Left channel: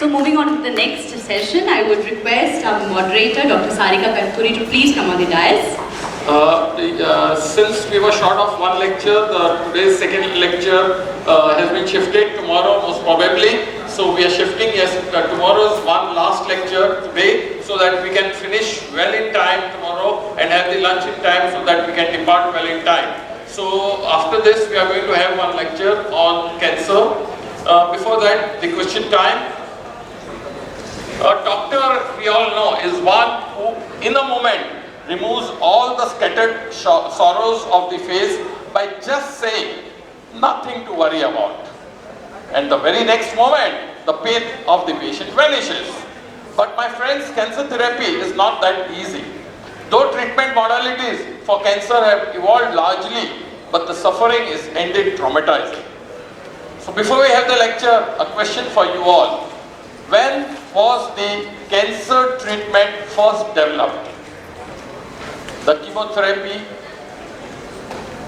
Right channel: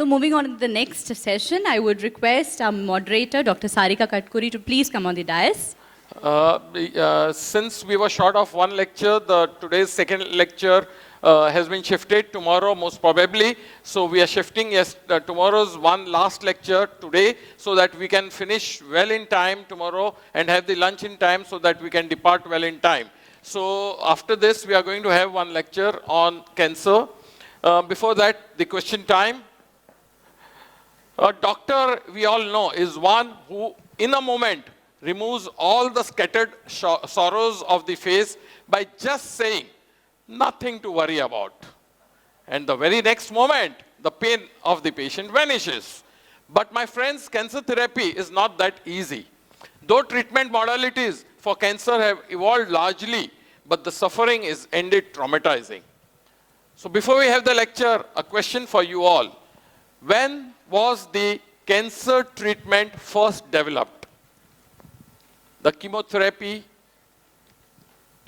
So moving on to the next session, I would request our moderator, Dr. Sarika Katkuri, to please come on the dais. Since we were short of one lecture, today's second lecture has been shifted tomorrow most probably. So we are shifting, yes, tomorrow's one last lecture today so that we can finish well in time tomorrow and have the lunch in time so that we can depart well in time. So after this we are going to have one lecture on cancer. Before that, the question time. A doctor, we all know, is one who in a moment removes all the scattered sorrows of the face by just saying nothing to worry about. And the very next moment, the pain of the patient vanishes. But my friends, cancer therapy is not that easy. Though treatment modalities for cancer have evolved largely, but the suffering is indeed traumatizing. So before we have the lecture, a question for you all. When was the cancer treatment first developed? The chemotherapy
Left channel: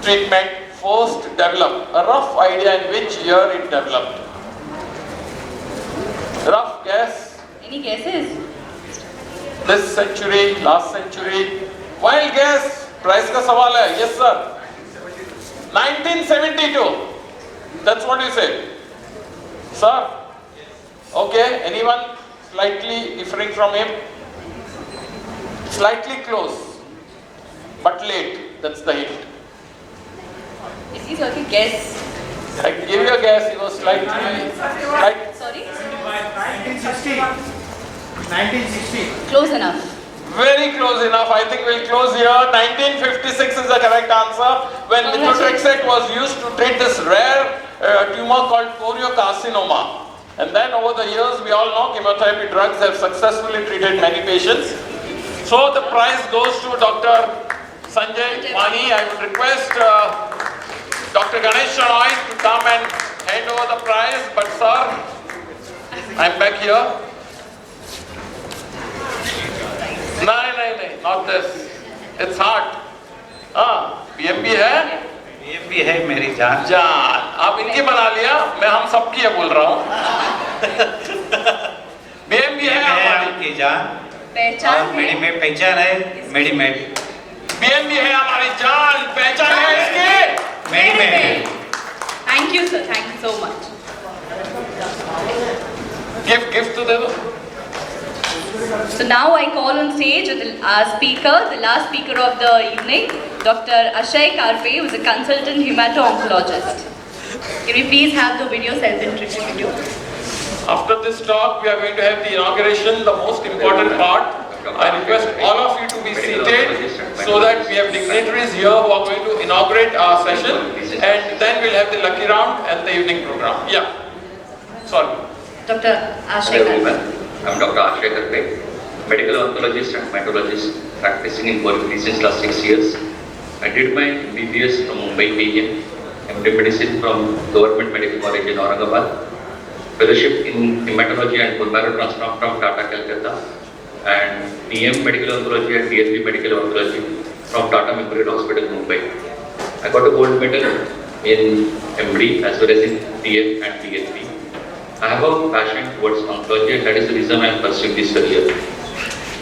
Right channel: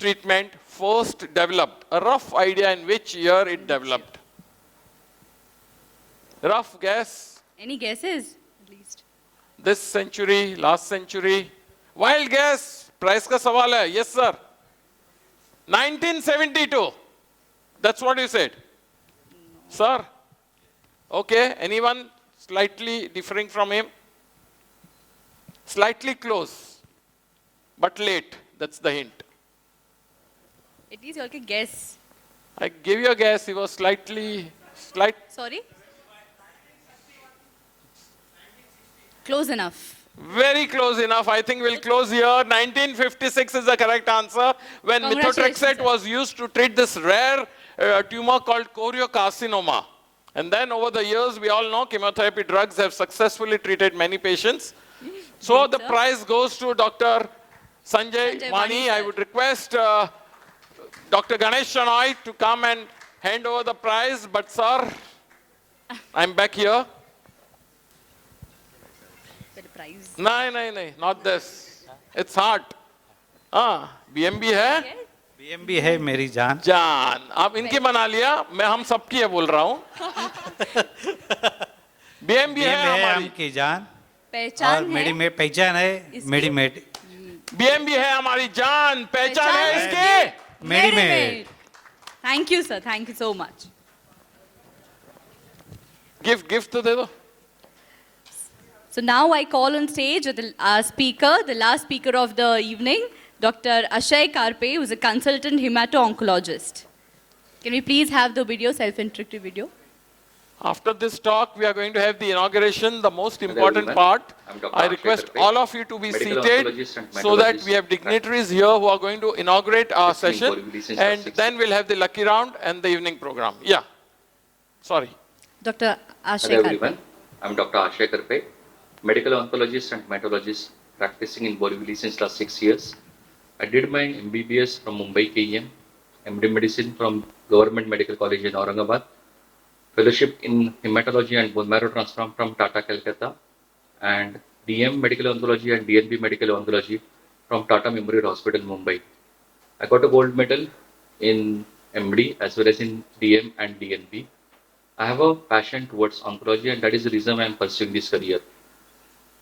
treatment first developed. A rough idea in which year it developed? Rough guess? Any guesses? This century, last century? Wild guess? Price ka sawal hai. Yes sir. 1972. That's what you say. Sir? Okay. Anyone slightly differing from him? Slightly close. But late, that's the hint. Is he certain guess? I gave you a guess, he was slightly... Sorry? 1960. 1960. Close enough. Very close enough. I think we'll close here. 1956 is the correct answer. When methotrexate was used to treat this rare tumor called choriocarcinoma. And then over the years, we all know chemotherapy drugs have successfully treated many patients. So the prize goes to Dr. Sanjay Mani. I would request Dr. Ganesh Shenoy to come and hand over the prize. But sir, I'm back here. No, not this. It's hard. BMP है? BMP है मेरी जान. जान. आप इनकी बना लिया. मैं हम सबकी है बोल रहा हूँ. BMP है हमारी जान. पहचान मेरी में पहचान है मेरी मेट. BMP है हमारी जान. पहचान है इसकी. मेरी में. Thank you, sir. Thank you so much. Give to them. So now I call on stage the last speaker of the evening, Dr. Ashay Karpe, who is a consultant hemato-oncologist. Can we please have the video self-introduction video? After this talk, we are going to have the inauguration, the most important part. I request all of you to be seated so that we have dignitaries here who are going to inaugurate our session, and then we'll have the lucky round and the evening program. Yeah. Sorry. Dr. Ashay Karpe. I'm Dr. Ashay Karpe, medical oncologist and hematologist practicing in Berkeley since last 6 years. I did my BBS from Mumbai, Kenya, MD Medicine from Government Medical College in Aurangabad, fellowship in hematology and bone marrow transplant from Tata, Calcutta, and PM Medical Oncology and DSP Medical Oncology from Tata Memorial Hospital, Mumbai. I got a gold medal in MD as well as in PM and PhD. I have a passion towards oncology, and that is the reason I am pursuing this career.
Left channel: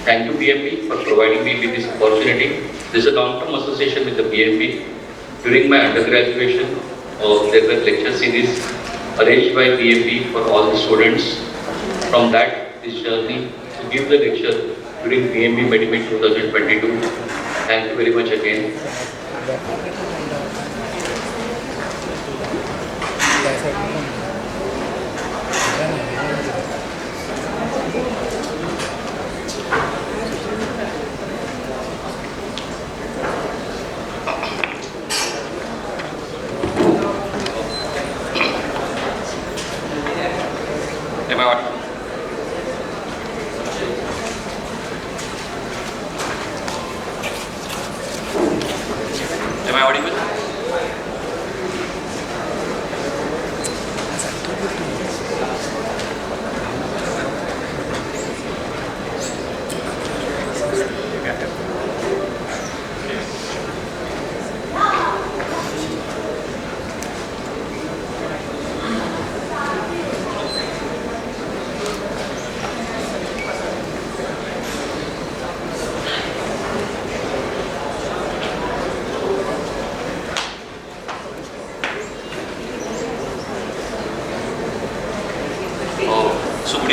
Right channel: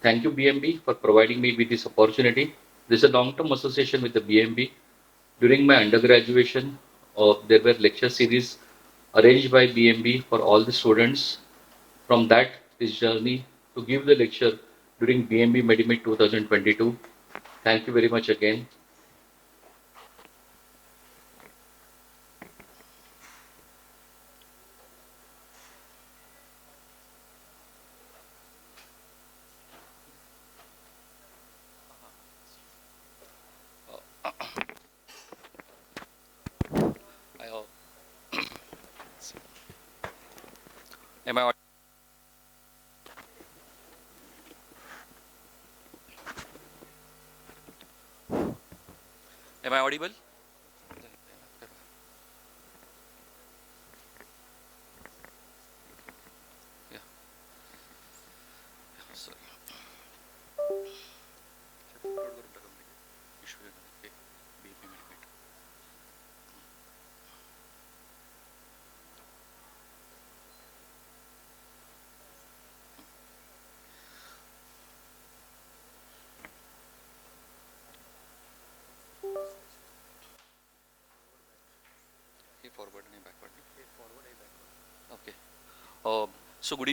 Thank you BMP for providing me with this opportunity. This is a long-term association with the BMP. During my undergraduation, there were lecture series arranged by BMP for all the students. From that, this journey to give the lecture during BMP Medimeet 2022. Thank you very much again. Am I audible?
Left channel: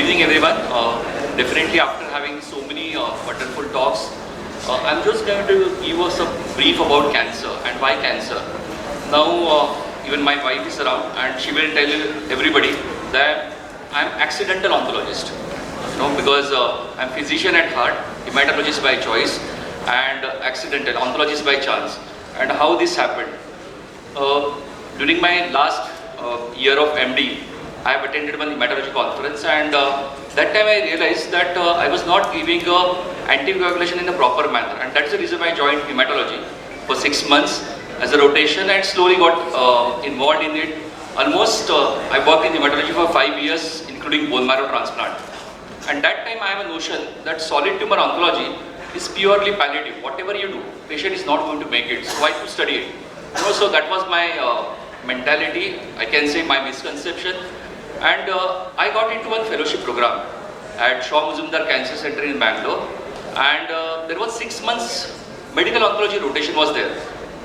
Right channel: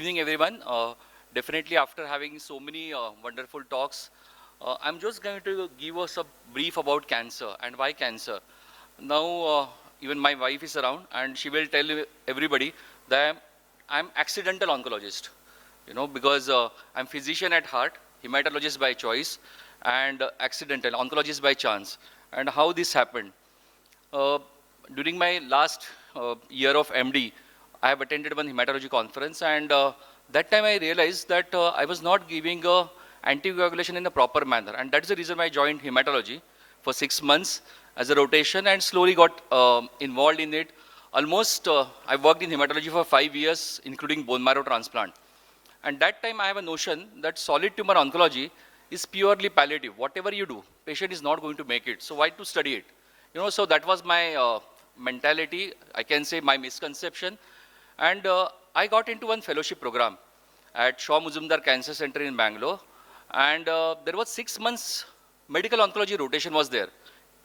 evening, everyone. Definitely, after having so many wonderful talks, I'm just going to give us a brief about cancer and why cancer. Now, even my wife is around, and she will tell everybody that I'm accidental oncologist. Because I'm physician at heart, hematologist by choice, and accidental oncologist by chance. And how this happened? During my last year of MD, I have attended one hematology conference, and that time I realized that I was not giving anticoagulation in a proper manner, and that's the reason I joined hematology for 6 months as a rotation, and slowly got involved in it. Almost I worked in hematology for 5 years, including bone marrow transplant. And that time I have a notion that solid tumor oncology is purely palliative. Whatever you do, patient is not going to make it, so I could study it. So that was my mentality, I can say my misconception. And I got into a fellowship program at Shaw Mazumdar Cancer Center in Bangalore. And there was 6 months medical oncology rotation was there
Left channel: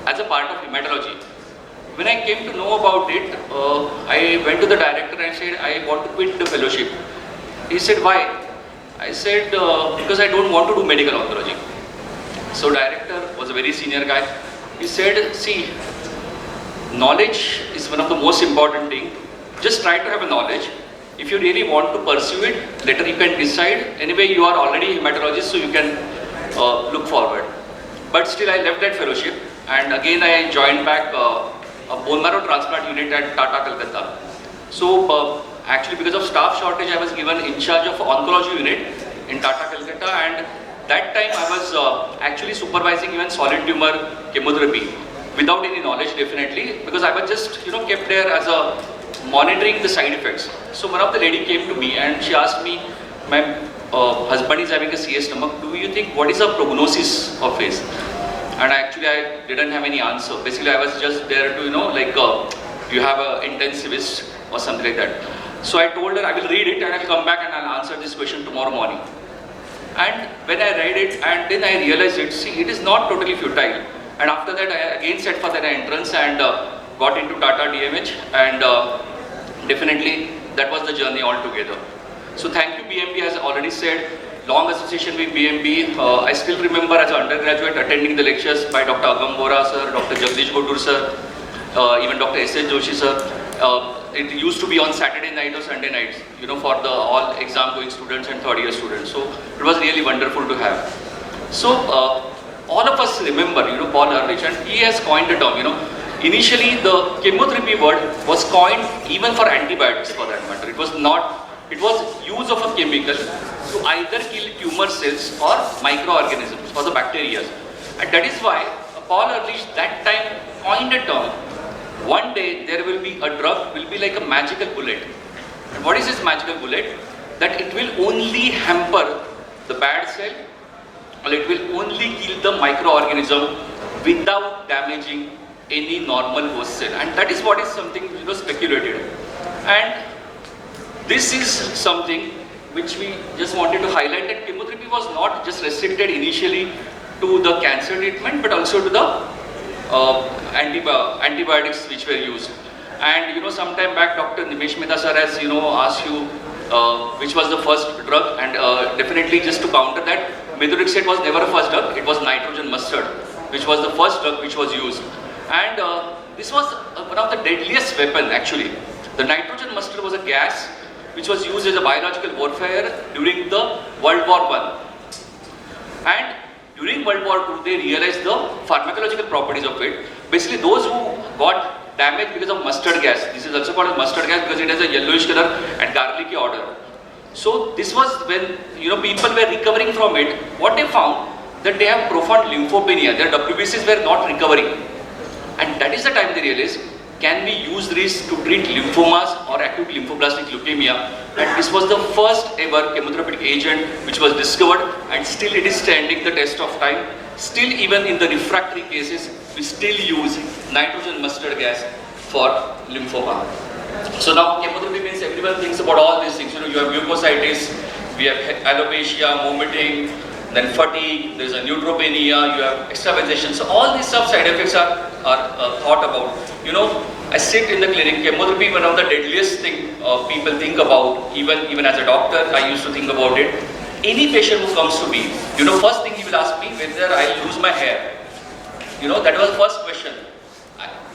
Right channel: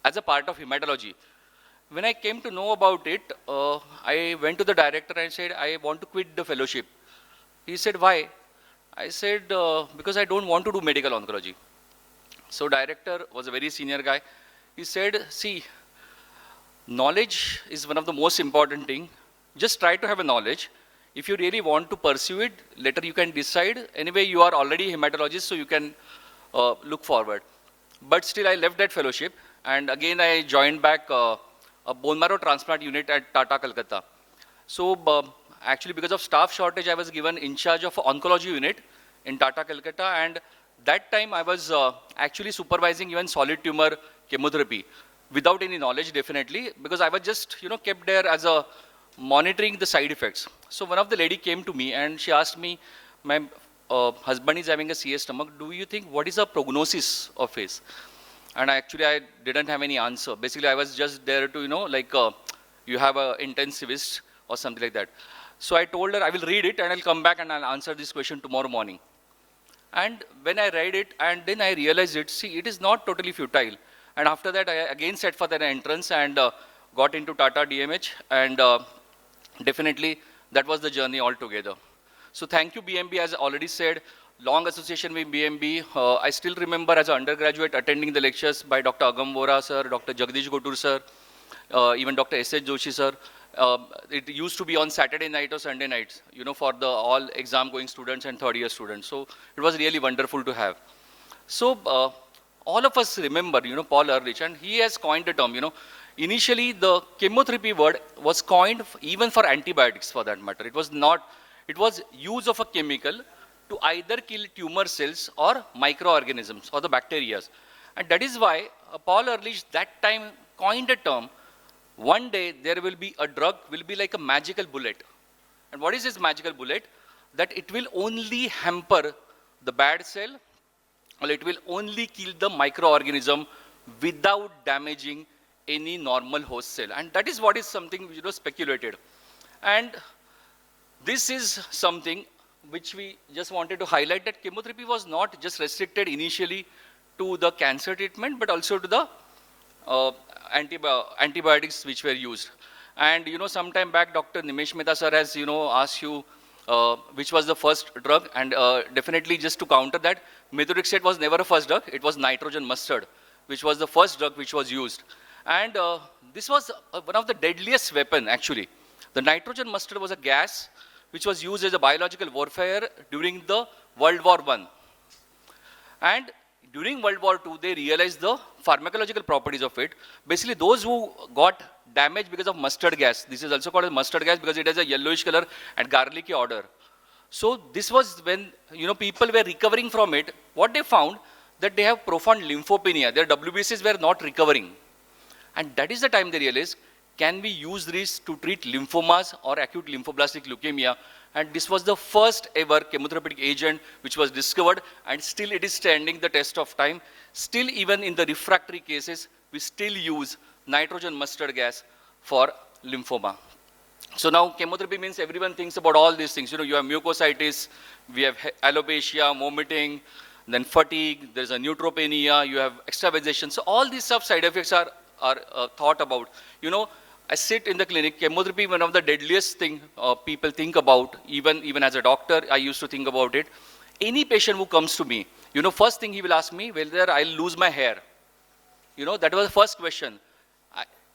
as a part of hematology. When I came to know about it, I went to the director and said, I want to quit the fellowship. He said, why? I said, because I don't want to do medical oncology. So director was a very senior guy. He said, see, knowledge is one of the most important things. Just try to have a knowledge. If you really want to pursue it, later you can decide. Anyway, you are already a hematologist, so you can look forward. But still, I left that fellowship, and again I joined back a bone marrow transplant unit at Tata, Kolkata. So actually, because of staff shortage, I was given in charge of oncology unit in Tata, Kolkata, and that time I was actually supervising even solid tumor chemotherapy without any knowledge, definitely, because I was just kept there as a monitoring the side effects. So one of the lady came to me and she asked me, "Ma'am, husband is having a CS stomach. Do you think what is the prognosis of his?" And actually I didn't have any answer. Basically I was just there to you have an intensivist or something like that. So I told her I will read it and I'll come back and I'll answer this question tomorrow morning. And when I read it, and then I realized it is not totally futile. And after that I again set for the entrance and got into Tata DMH, and definitely that was the journey altogether. So thank you BMB, as I already said, long association with BMB. I still remember as an undergraduate attending the lectures by Dr. Agam Vora sir, Dr. Jagdish Godur sir, even Dr. S.H. Joshi sir. It used to be on Saturday night or Sunday nights, for the all exam going students and third year students. So it was really wonderful to have. So all of us remember, Paul Ehrlich, and he has coined a term, Initially, the chemotherapy word was coined even for antibiotics, for that matter. It was not, it was use of a chemical to either kill tumor cells or microorganisms or the bacteria. And that is why Paul Ehrlich that time coined a term. One day there will be a drug, will be like a magical bullet. And what is this magical bullet? That it will only hamper the bad cell, or it will only kill the microorganism without damaging any normal host cell. And that is what is something speculated. And this is something which we just wanted to highlight, that chemotherapy was not just restricted initially to the cancer treatment, but also to the antibiotics which were used. And sometime back Dr. Nimesh Mehta sir has asked you which was the first drug, and definitely just to counter that, methotrexate was never a first drug, it was nitrogen mustard, which was the first drug which was used. And this was one of the deadliest weapon actually. The nitrogen mustard was a gas which was used as a biological warfare during the World War I. And during World War II, they realized the pharmacological properties of it. Basically, those who got damaged because of mustard gas, this is also called mustard gas because it has a yellowish color and garlicky odor. So this was when people were recovering from it. What they found, that they have profound lymphopenia. Their WBCs were not recovering. And that is the time they realized, can we use this to treat lymphomas or acute lymphoblastic leukemia? And this was the first ever chemotherapeutic agent which was discovered, and still it is standing the test of time. Still, even in the refractory cases, we still use nitrogen mustard gas for lymphoma. So now chemotherapy means everyone thinks about all these things. You have mucositis, we have alopecia, vomiting, then fatigue, there is a neutropenia, you have extravasation. So all these side effects are thought about. I sit in the clinic. Chemotherapy, one of the deadliest thing people think about. Even as a doctor, I used to think about it. Any patient who comes to me, first thing he will ask me whether I lose my hair. That was the first question.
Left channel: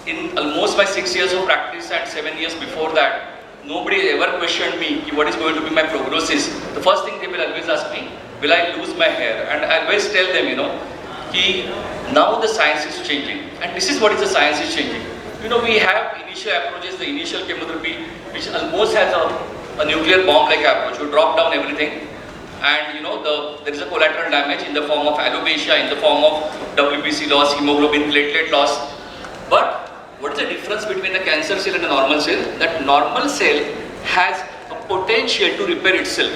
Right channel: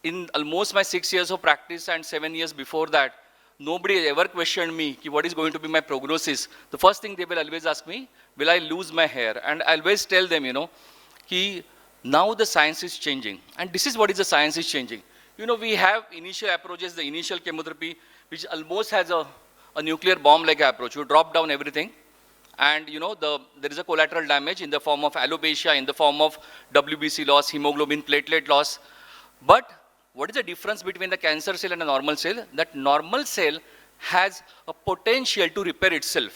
In almost my 6 years of practice and 7 years before that, nobody ever questioned me what is going to be my prognosis. The first thing they will always ask me, will I lose my hair? And I always tell them, now the science is changing. And this is what is the science is changing. We have initial approaches, the initial chemotherapy, which almost has a nuclear bomb-like approach. You drop down everything, and there is a collateral damage in the form of alopecia, in the form of WBC loss, hemoglobin, platelet loss. But what is the difference between a cancer cell and a normal cell? That normal cell has a potential to repair itself.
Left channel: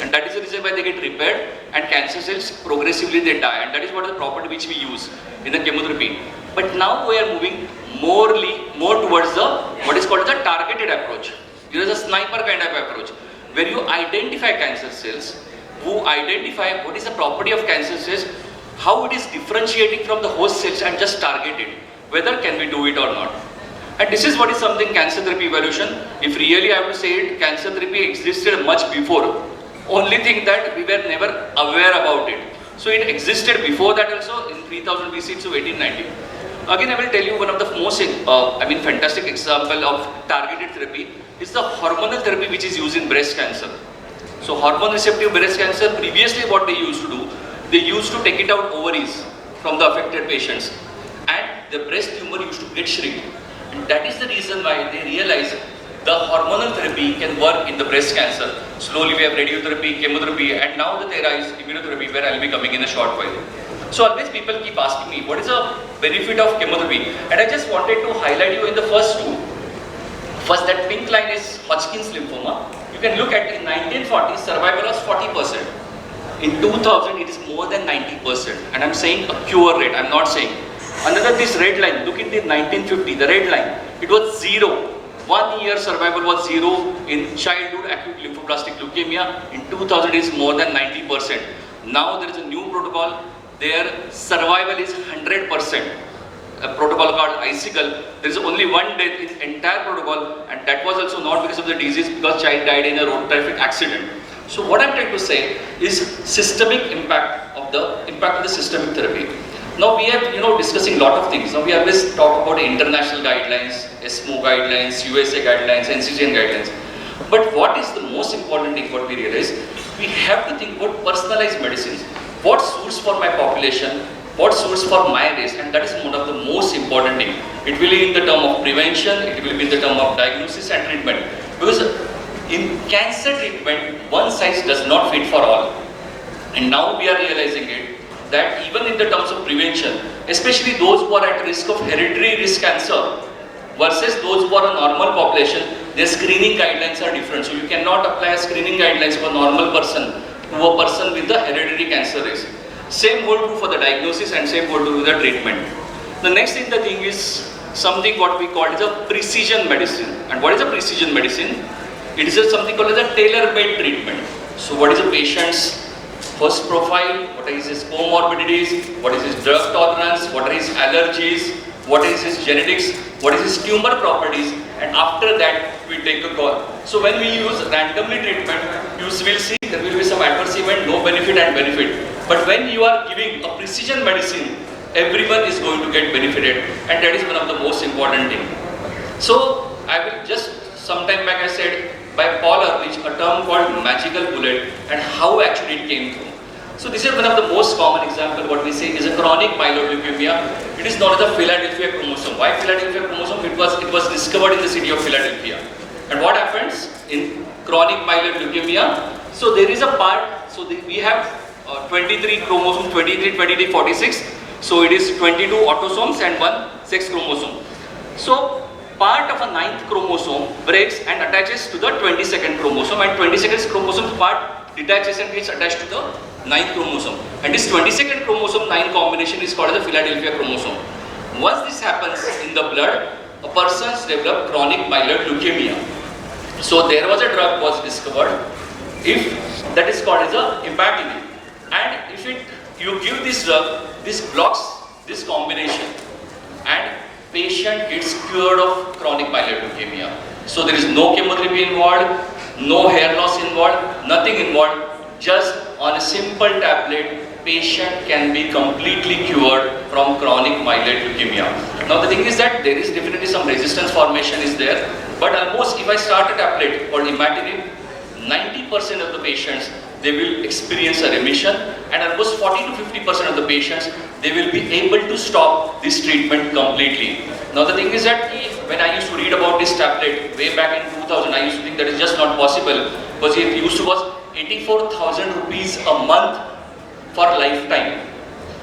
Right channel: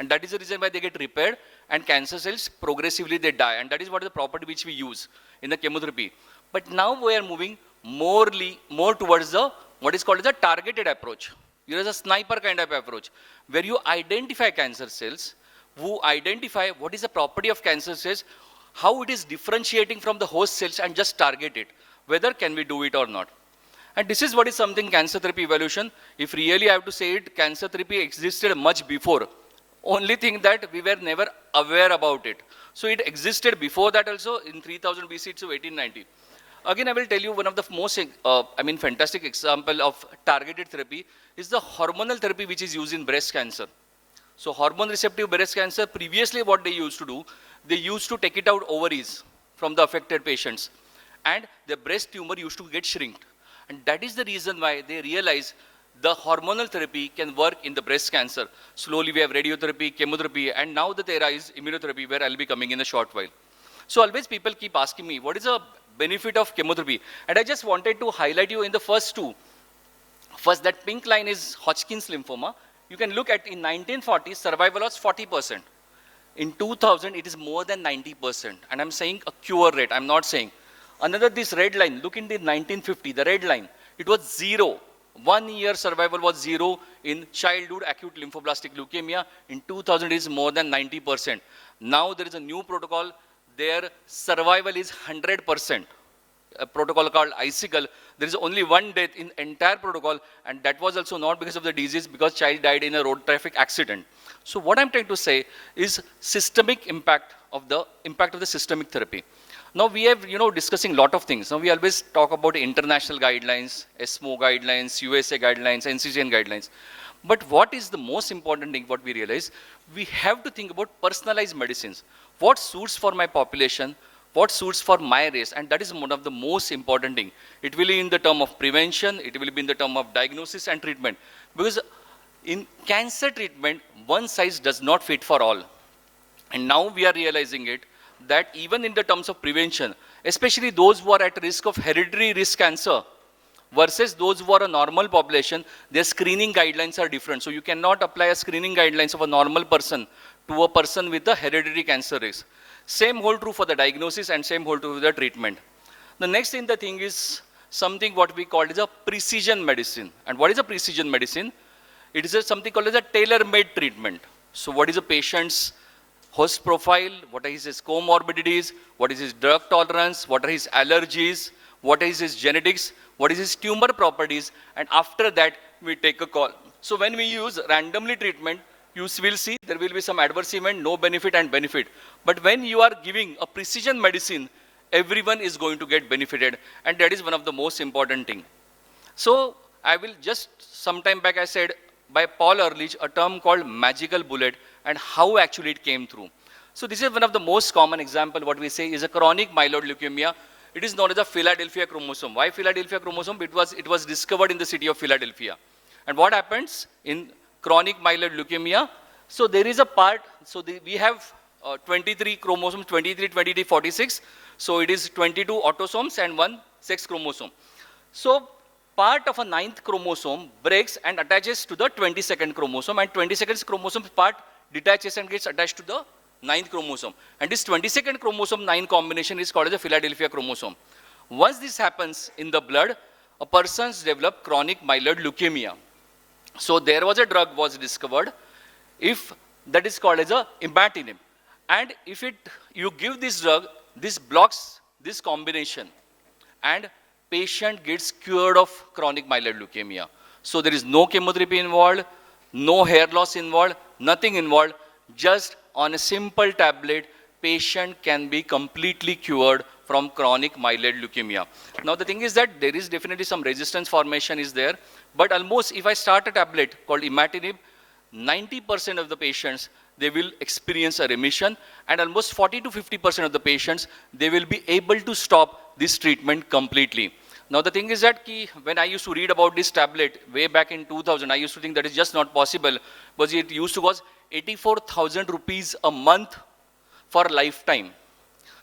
And that is the reason why they get repaired, and cancer cells progressively they die. And that is what is the property which we use in the chemotherapy. But now we are moving more towards what is called the targeted approach. There is a sniper kind of approach. When you identify cancer cells, who identify what is the property of cancer cells, how it is differentiating from the host cells, and just target it. Whether can we do it or not. And this is what is something cancer therapy evolution. If really I have to say it, cancer therapy existed much before. Only thing that we were never aware about it. So it existed before that also in 3000 BC to 1890. Again, I will tell you one of the most fantastic example of targeted therapy is the hormonal therapy which is used in breast cancer. So hormone receptive breast cancer, previously what they used to do, they used to take it out ovaries from the affected patients, and the breast tumor used to get shrink. And that is the reason why they realized the hormonal therapy can work in the breast cancer. Slowly we have radiotherapy, chemotherapy, and now the era is immunotherapy, where I will be coming in a short while. So always people keep asking me, what is the benefit of chemotherapy? And I just wanted to highlight you in the first two. First, that pink line is Hodgkin's lymphoma. You can look at in 1940, survival was 40%. In 2000, it is more than 90%. And I'm saying a cure rate, I'm not saying. Another, this red line, look into 1950, the red line, it was 0. 1 year survival was 0 in childhood acute lymphoblastic leukemia. In 2000, it is more than 90%. Now there is a new protocol. Their survival is 100%. A protocol called ICICL. There is only one death in the entire protocol, and that was also not because of the disease, because child died in a road traffic accident. So what I'm trying to say is systemic impact of the systemic therapy. Now we are discussing a lot of things. Now we always talk about international guidelines, ESMO guidelines, USA guidelines, NCCN guidelines. But what is the most important thing what we realize? We have to think about personalized medicines. What suits for my population, what suits for my race, and that is one of the most important thing. It will be in the term of prevention, it will be in the term of diagnosis and treatment. Because in cancer treatment, one size does not fit for all. And now we are realizing it, that even in the terms of prevention, especially those who are at risk of hereditary risk cancer versus those who are a normal population, their screening guidelines are different. So you cannot apply screening guidelines for a normal person to a person with a hereditary cancer risk. Same hold true for the diagnosis and same hold true for the treatment. The next thing, the thing is something what we call is a precision medicine. And what is a precision medicine? It is something called as a tailor-made treatment. So what is a patient's host profile, what is his comorbidities, what is his drug tolerance, what are his allergies, what is his genetics, what is his tumor properties, and after that we take a call. So when we use randomly treatment, you will see there will be some adverse event, no benefit and benefit. But when you are giving a precision medicine, everyone is going to get benefited, and that is one of the most important thing. So I will just, sometime back I said by Paul Ehrlich, a term called magical bullet, and how actually it came through. So this is one of the most common example. What we say is a chronic myeloid leukemia. It is known as the Philadelphia chromosome. Why Philadelphia chromosome? It was discovered in the city of Philadelphia. And what happens in chronic myeloid leukemia? So there is a part. So we have 23 chromosomes, 23, 46. So it is 22 autosomes and 1 sex chromosome. So part of a 9th chromosome breaks and attaches to the 22nd chromosome, and 22nd chromosome part detaches and gets attached to the 9th chromosome. And this 22nd chromosome 9 combination is called the Philadelphia chromosome. Once this happens in the blood, a person's develop chronic myeloid leukemia. So there was a drug was discovered, that is called as a imatinib. And if you give this drug, this blocks this combination, and patient gets cured of chronic myeloid leukemia. So there is no chemotherapy involved, no hair loss involved, nothing involved. Just on a simple tablet, patient can be completely cured from chronic myeloid leukemia. Now the thing is that there is definitely some resistance formation is there, but almost if I start a tablet called imatinib, 90% of the patients they will experience a remission, and almost 40 to 50% of the patients they will be able to stop this treatment completely. Now the thing is that when I used to read about this tablet way back in 2000, I used to think that it's just not possible because it used to cost 84,000 rupees a month for lifetime.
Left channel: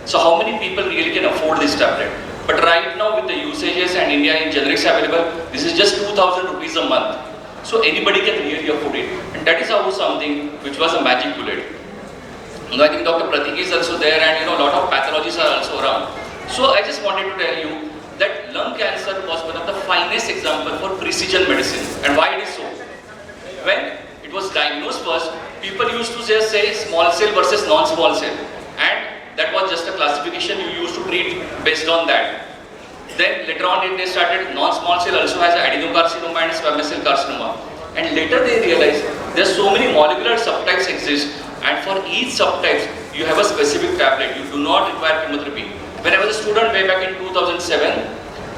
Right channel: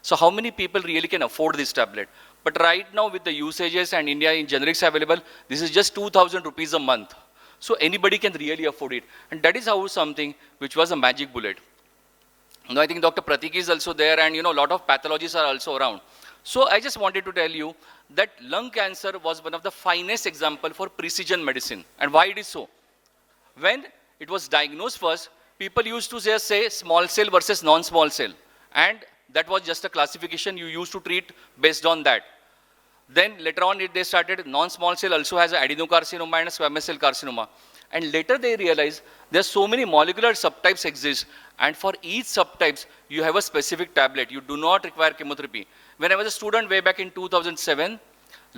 So how many people really can afford this tablet? But right now with the usages and India in generics available, this is just 2,000 rupees a month. So anybody can really afford it. And that is how something which was a magic bullet. I think Dr. Pratik is also there, and a lot of pathologists are also around. So I just wanted to tell you that lung cancer was one of the finest examples for precision medicine. And why it is so? When it was diagnosed first, people used to say small cell versus non-small cell. And that was just a classification you used to treat based on that. Then later on they started non-small cell also has adenocarcinoma and squamous cell carcinoma. And later they realized there are so many molecular subtypes exist, and for each subtype you have a specific tablet. You do not require chemotherapy. When I was a student way back in 2007,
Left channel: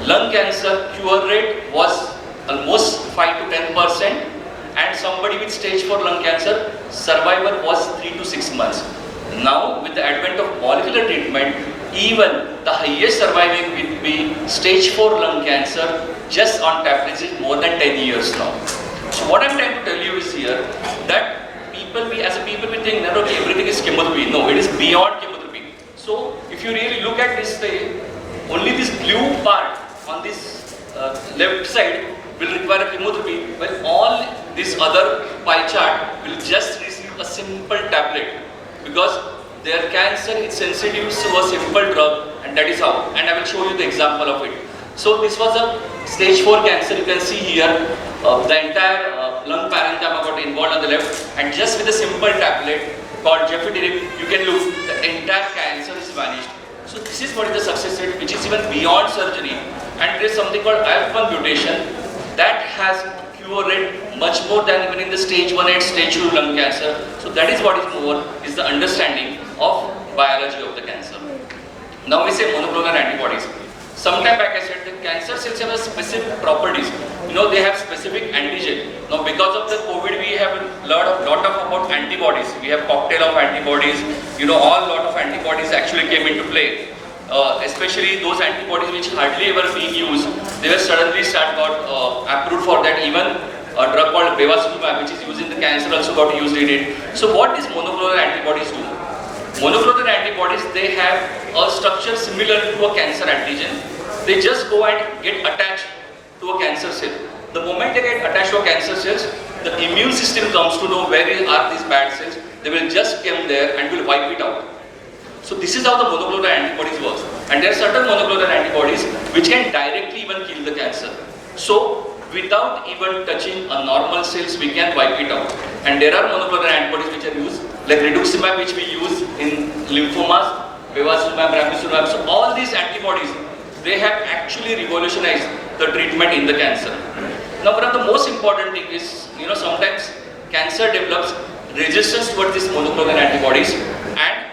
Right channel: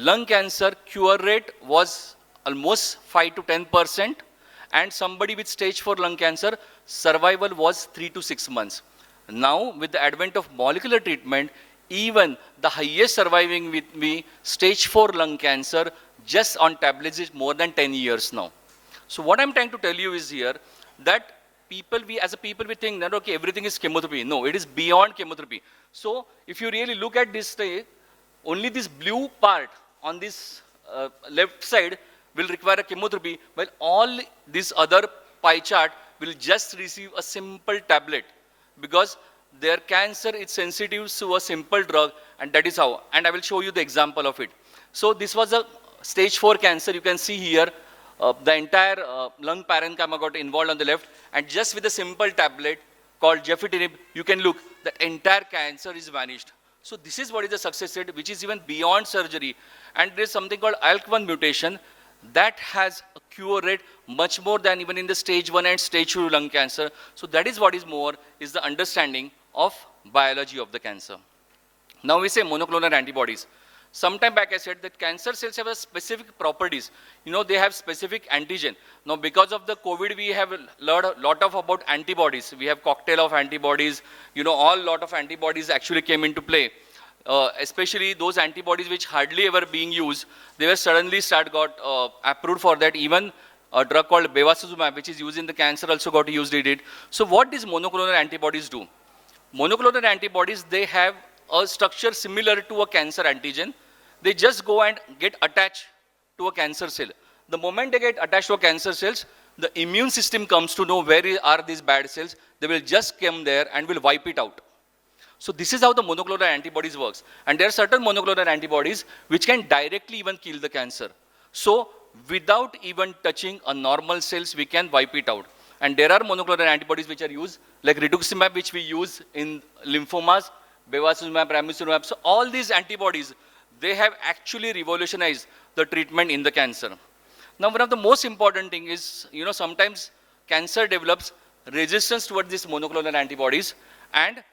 lung cancer cure rate was almost 5 to 10%, and somebody with stage 4 lung cancer, survival was 3 to 6 months. Now with the advent of molecular treatment, even the highest surviving will be stage 4 lung cancer just on tablets is more than 10 years now. So what I'm trying to tell you is here that as a people we think that okay, everything is chemotherapy. No, it is beyond chemotherapy. So if you really look at this only this blue part on this left side will require a chemotherapy, while all this other pie chart will just receive a simple tablet because their cancer is sensitive to a simple drug, and that is how. And I will show you the example of it. So this was a stage 4 cancer. You can see here the entire lung parenchyma got involved on the left, and just with a simple tablet called Gefitinib, you can look, the entire cancer is vanished. So this is what is the success rate, which is even beyond surgery. And there is something called ALK1 mutation that has cure rate much more than even in the stage 1 and stage 2 lung cancer. So that is what is more, is the understanding of biology of the cancer. Now we say monoclonal antibodies. Sometime back I said that cancer cells have a specific properties. They have specific antigen. Now because of the COVID, we have learned a lot about antibodies. We have cocktail of antibodies. All lot of antibodies actually came into play. Especially those antibodies which hardly ever being used, they were suddenly got approved for that. Even a drug called bevacizumab, which is used in the cancer, also got used in it. So what these monoclonal antibodies do? Monoclonal antibodies, they have a structure similar to a cancer antigen. They just go and get attached to a cancer cell. The moment they get attached to a cancer cells, the immune system comes to know where are these bad cells. They will just come there and will wipe it out. So this is how the monoclonal antibodies works. And there are certain monoclonal antibodies which can directly even kill the cancer. So without even touching a normal cells, we can wipe it out. And there are monoclonal antibodies which are used, like rituximab, which we use in lymphomas, bevacizumab, ramucirumab. So all these antibodies, they have actually revolutionized the treatment in the cancer. Now one of the most important thing is, sometimes cancer develops resistance towards these monoclonal antibodies, and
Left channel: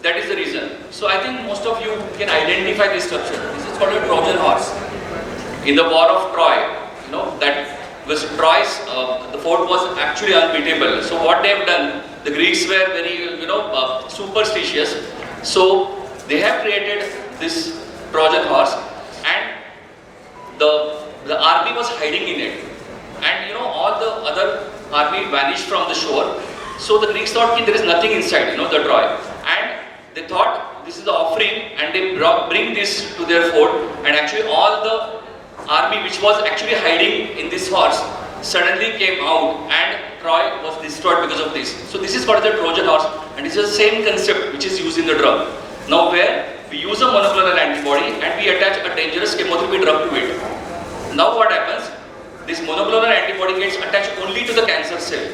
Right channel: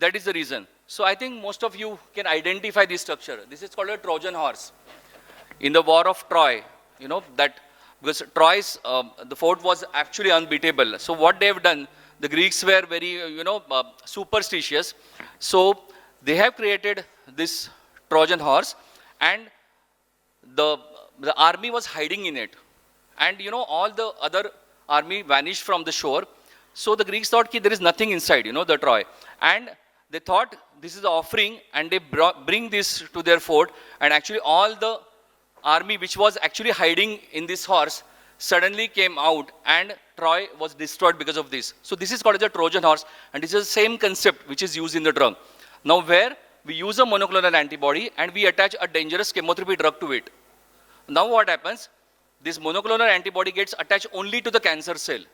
that is the reason. So I think most of you can identify this structure. This is called a Trojan horse. In the War of Troy, that was Troy's, the fort was actually unbeatable. So what they have done, the Greeks were very, superstitious. So they have created this Trojan horse, and the army was hiding in it. And all the other army vanished from the shore. So the Greeks thought there is nothing inside, the Troy. And they thought this is the offering, and they bring this to their fort, and actually all the army which was actually hiding in this horse suddenly came out, and Troy was destroyed because of this. So this is called the Trojan horse, and this is the same concept which is used in the drug. Now where we use a monoclonal antibody and we attach a dangerous chemotherapy drug to it. Now what happens? This monoclonal antibody gets attached only to the cancer cell,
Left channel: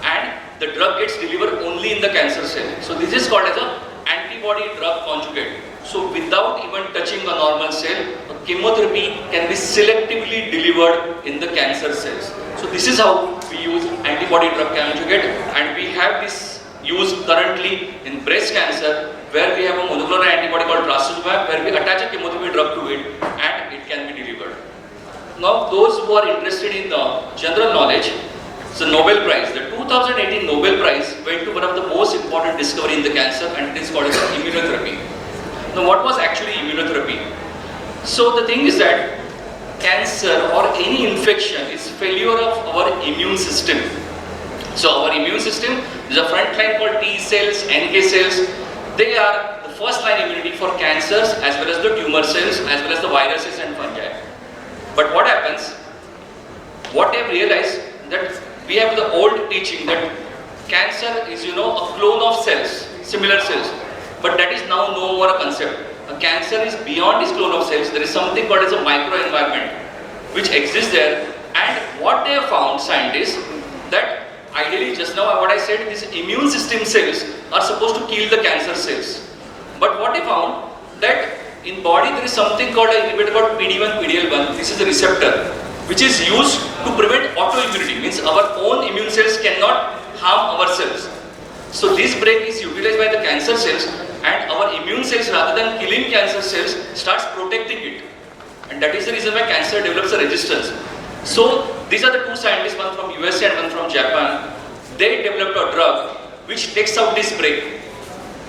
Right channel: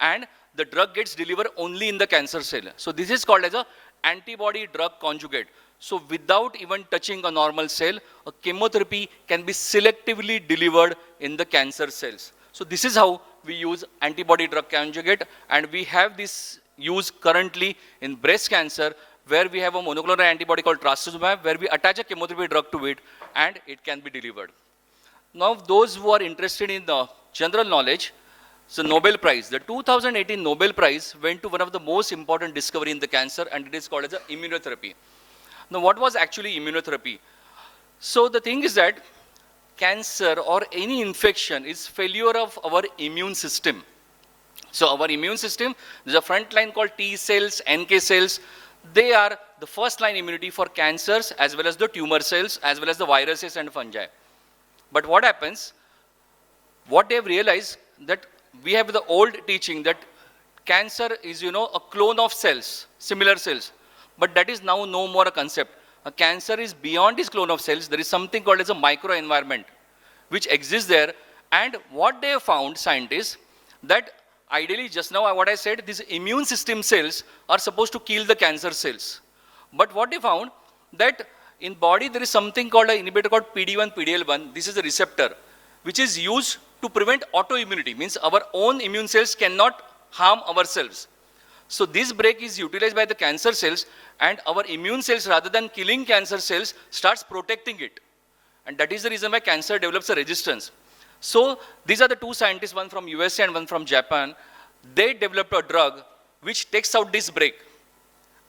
and the drug gets delivered only in the cancer cell. So this is called as an antibody drug conjugate. So without even touching a normal cell, a chemotherapy can be selectively delivered in the cancer cells. So this is how we use antibody drug conjugate, and we have this used currently in breast cancer, where we have a molecular antibody called trastuzumab, where we attach a chemotherapy drug to it and it can be delivered. Now those who are interested in the general knowledge, the Nobel Prize, the 2018 Nobel Prize went to one of the most important discovery in the cancer, and it is called as immunotherapy. Now what was actually immunotherapy? So the thing is that cancer or any infection is failure of our immune system. So our immune system is a front line called T cells, NK cells. They are the first line immunity for cancers as well as the tumor cells as well as the viruses and fungi. But what happens? What they have realized that we have the old teaching that cancer is a clone of cells, similar cells. But that is now no more a concept. A cancer is beyond this clone of cells. There is something called as a microenvironment which exists there. And what they have found, scientists, that ideally just now what I said, these immune system cells are supposed to kill the cancer cells. But what they found, that in body there is something called an inhibitor called PD-1, PD-L1. This is a receptor which is used to prevent autoimmunity. Means our own immune cells cannot harm ourselves. So this break is utilized by the cancer cells, and our immune cells, rather than killing cancer cells, starts protecting it. And that is the reason why cancer develops a resistance. So these are the two scientists, one from USA and one from Japan. They developed a drug which takes out this break,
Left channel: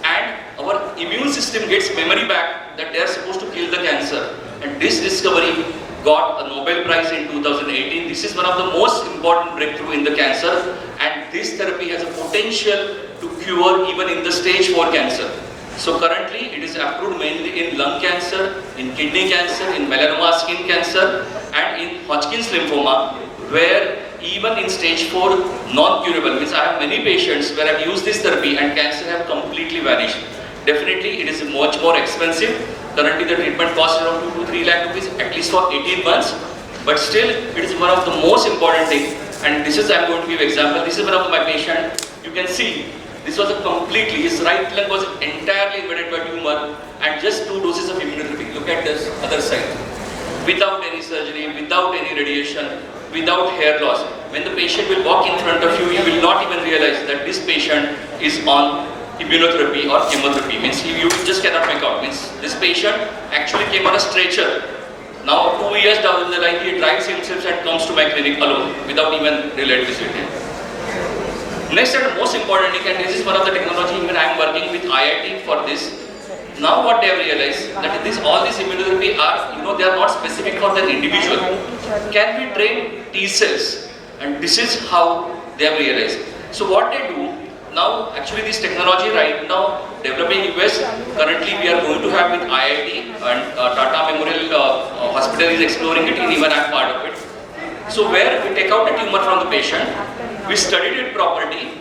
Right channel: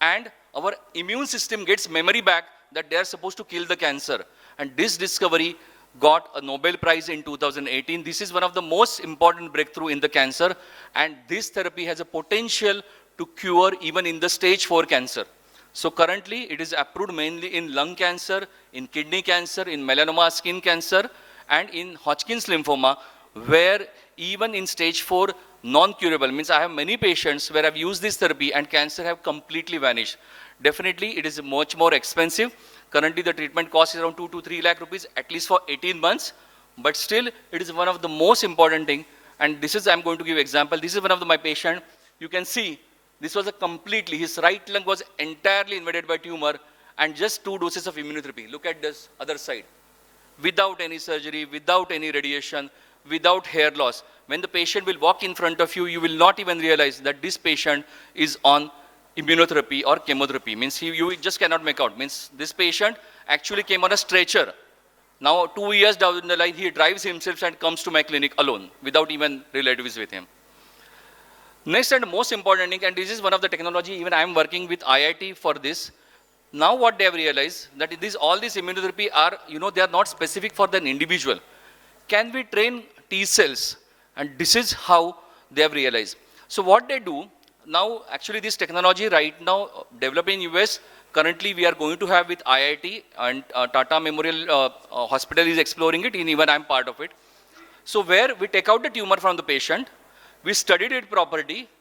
and our immune system gets memory back that they are supposed to kill the cancer. And this discovery got a Nobel Prize in 2018. This is one of the most important breakthrough in the cancer, and this therapy has a potential to cure even in the stage 4 cancer. So currently it is approved mainly in lung cancer, in kidney cancer, in melanoma skin cancer, and in Hodgkin's lymphoma, where even in stage 4 non-curable, means I have many patients where I have used this therapy and cancer have completely vanished. Definitely it is much more expensive. Currently the treatment costs around 2 to 3 lakh rupees at least for 18 months, but still it is one of the most important things. And this is, I am going to give example. This is one of my patient. You can see this was a completely, his right lung was entirely invaded by tumor, and just 2 doses of immunotherapy. Look at this other side. Without any surgery, without any radiation, without hair loss. When the patient will walk in front of you, you will not even realize that this patient is on immunotherapy or chemotherapy. Means you just cannot make out. Means this patient actually came on a stretcher. Now 2 years down the line, he drives himself and comes to my clinic alone without even relatives with him. Next and the most important thing, and this is one of the technology when I am working with IIT for this. Now what they have realized that all these immunotherapy are, they are not specific for the individual. Can we train T cells? And this is how they have realized. So what they do, now actually this technology right now developing in US, currently we are going to have with IIT and Tata Memorial Hospital is exploring it, and even I am part of it. So where we take out a tumor from the patient, we studied it properly,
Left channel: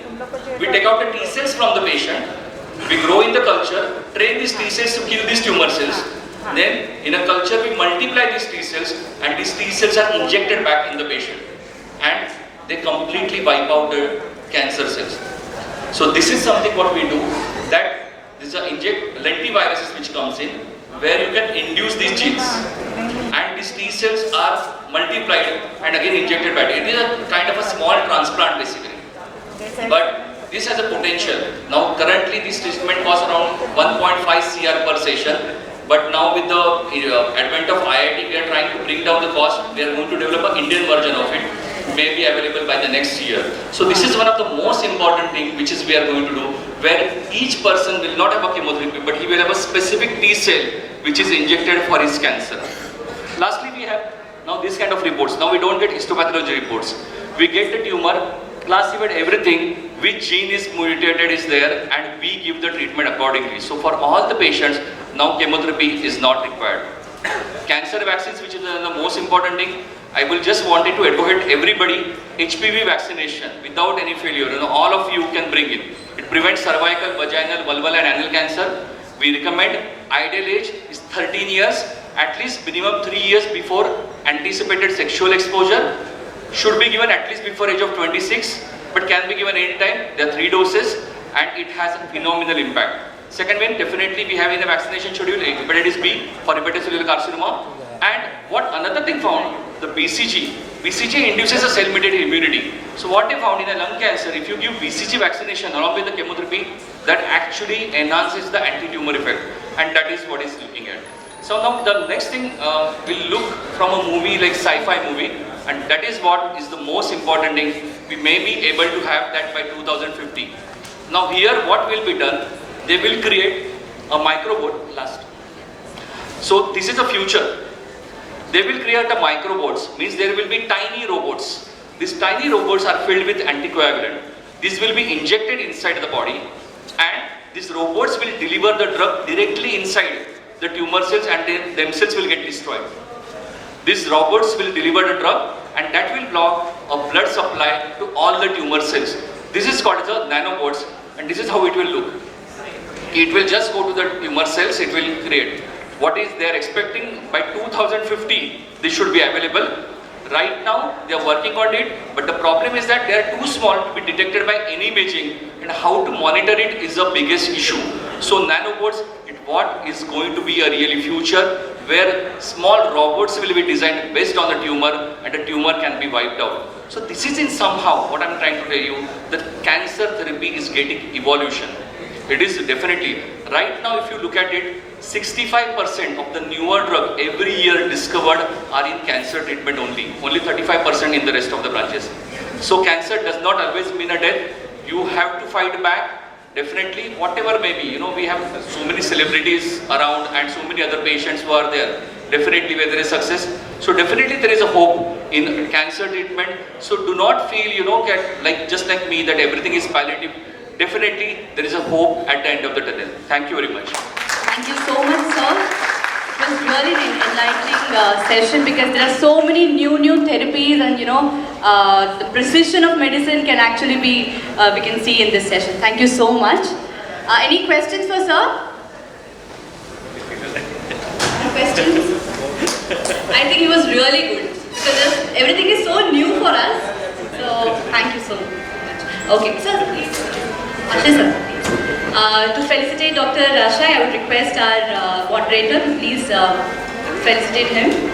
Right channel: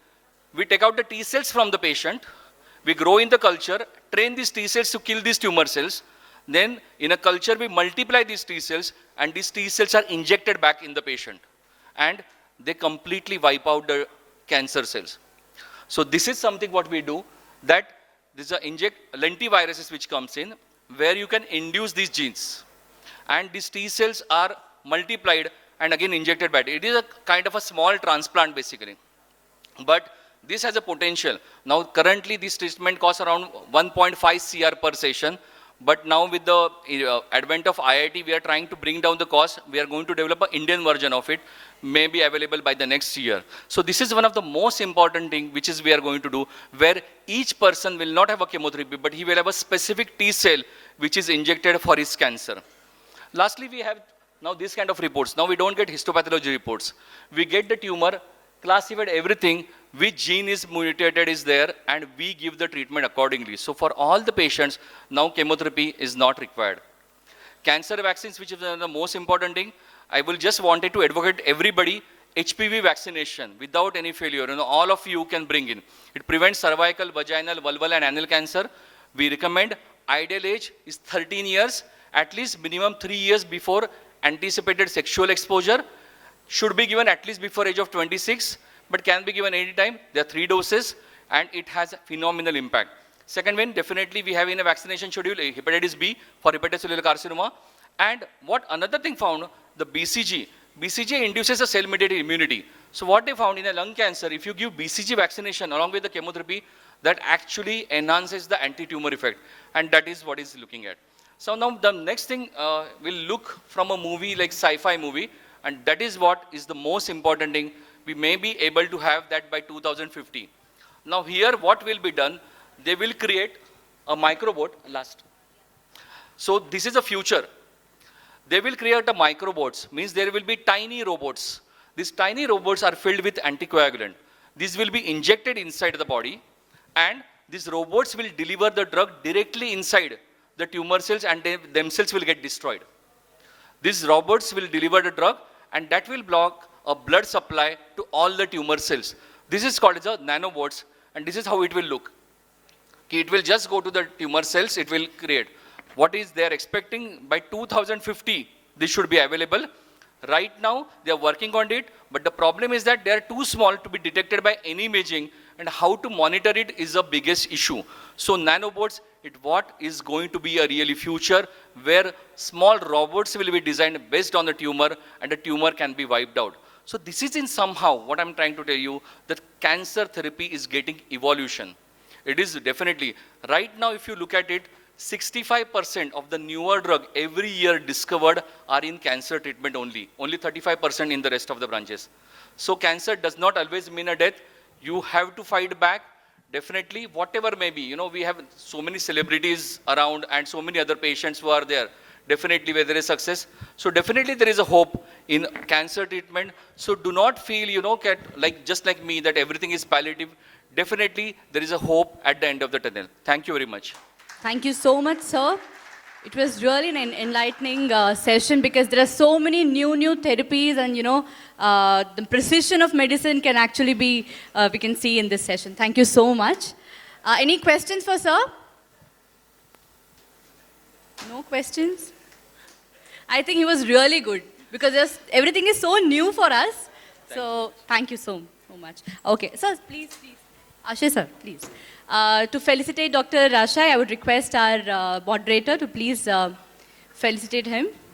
we take out the T cells from the patient, we grow in the culture, train these T cells to kill these tumor cells. Then in a culture we multiply these T cells, and these T cells are injected back in the patient, and they completely wipe out the cancer cells. So this is something what we do, that this is a lentiviruses which comes in, where you can induce these genes, and these T cells are multiplied and again injected back. It is a kind of a small transplant basically, but this has a potential. Now currently this treatment costs around 1.5 CR per session, but now with the advent of IIT, we are trying to bring down the cost. We are going to develop an Indian version of it, may be available by the next year. So this is one of the most important thing which is we are going to do, where each person will not have a chemotherapy, but he will have a specific T cell which is injected for his cancer. Lastly, we have now this kind of reports. Now we don't get histopathology reports. We get the tumor, classified everything, which gene is mutated is there, and we give the treatment accordingly. So for all the patients, now chemotherapy is not required. Cancer vaccines, which is the most important thing, I will just wanted to advocate everybody, HPV vaccination without any failure. All of you can bring it. It prevents cervical, vaginal, vulval and anal cancer. We recommend ideal age is 13 years, at least minimum 3 years before anticipated sexual exposure. Should be given at least before age of 26, but can be given any time. There are 3 doses, and it has a phenomenal impact. Second one, definitely we have in the vaccination schedule hepatitis B for hepatocellular carcinoma, And what another thing found, the BCG. BCG induces a cell-mediated immunity. So what they found in a lung cancer, if you give BCG vaccination along with the chemotherapy, that actually enhances the anti-tumor effect, and that is what is looking at. So now the next thing we'll look from a movie like sci-fi movie, and that is what is the most important thing. We may be able to have that by 2050. Now here what will be done, they will create a microbot last. So this is the future. They will create a microbots, means there will be tiny robots. These tiny robots are filled with anticoagulant. These will be injected inside the body, and these robots will deliver the drug directly inside the tumor cells, and they themselves will get destroyed. These robots will deliver the drug, and that will block a blood supply to all the tumor cells. This is called the nanobots, and this is how it will look. It will just go to the tumor cells, it will create. What is they are expecting by 2050, this should be available. Right now, they are working on it, but the problem is that they are too small to be detected by any imaging, and how to monitor it is the biggest issue. So nanobots, what is going to be a really future where small robots will be designed based on the tumor, and the tumor can be wiped out. So this is in somehow what I'm trying to tell you, that cancer therapy is getting evolution. It is definitely. Right now, if you look at it, 65% of the newer drug every year discovered are in cancer treatment only. Only 35% in the rest of the branches. So cancer does not always mean a death. You have to fight back. Definitely, whatever may be. You know, we have so many celebrities around and so many other patients who are there. Definitely, where there is success. So definitely, there is a hope in cancer treatment. So do not feel, you know, like just like me, that everything is palliative. Definitely, there is a hope at the end of the tunnel. Thank you very much. Thank you so much, sir. It was really an enlightening session, because there are so many new therapies, and the precision of medicine can actually be, we can see in this session. Thank you so much. Any questions for sir? Any questions? I think it was really good, because everything is so new for us. So thank you so much. Okay, sir, please. Ashay, sir. To felicitate Dr. Ashay, I would request our moderator to please felicitate him.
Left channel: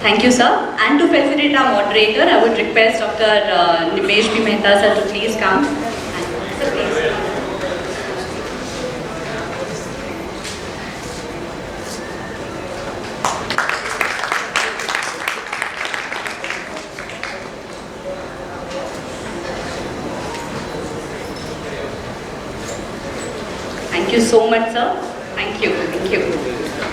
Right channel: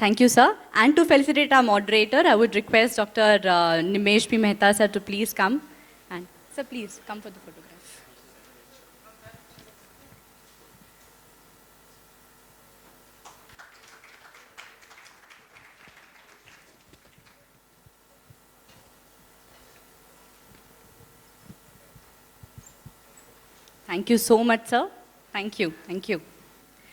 Thank you, sir. And to facilitate our moderator, I would request Dr. Nimesh B. Mehta sir to please come. Sir, please. Thank you so much, sir. Thank you. Thank you.